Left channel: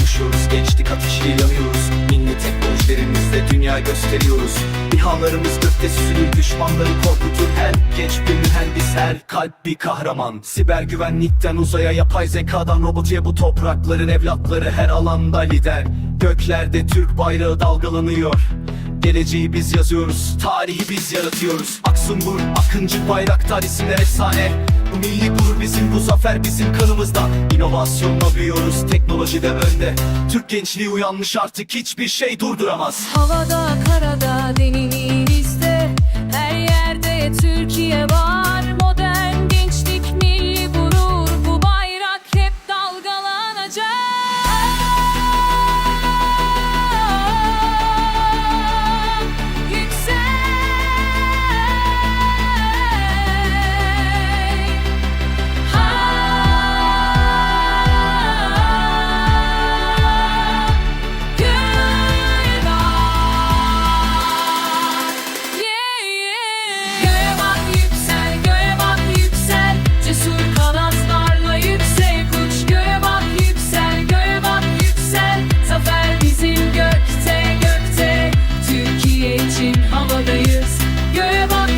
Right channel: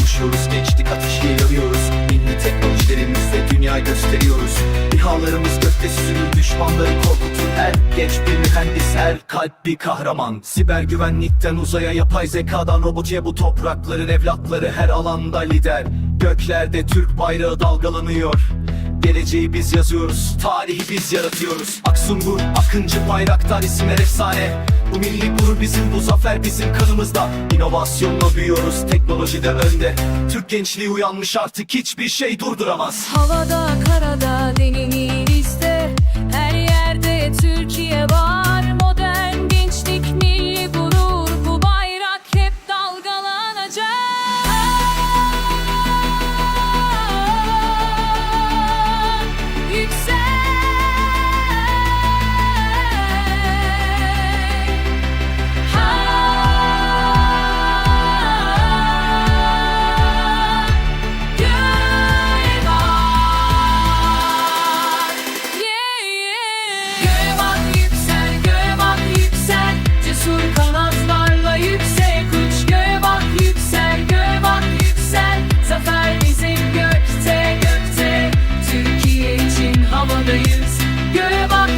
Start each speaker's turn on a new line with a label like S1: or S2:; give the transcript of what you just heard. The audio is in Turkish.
S1: yaşıyoruz Gençlik ateşiyle yanıyoruz. Milli teknolojilerimizle dünya gösteriyoruz. İHA'larımız gökte süzülür Düşmanları korkutur. Her genç bir mühendis Her kalp bir kahraman. Siber güvenlikten uzaya yapay zekadan robotiye Bu toprakların evlatları her alanda lider. Göklerde Türk bayrağı dalgalanıyor Geleceği biz yazıyoruz, tarihi biz yaratıyoruz. Aksungur, Akıncı, Bayraktar isimler efsane. Bu milli gurur bizim, bu zafer bizim kanımızda. İnovasyonla büyüyoruz, teknolojide önde. Türk gençliği uyanmış artık hiçbir şey durduramaz.
S2: Havada, karada, denizde Her yerde Türkiye var. Modern gençlik, milli gurur için havadayız Göğe bak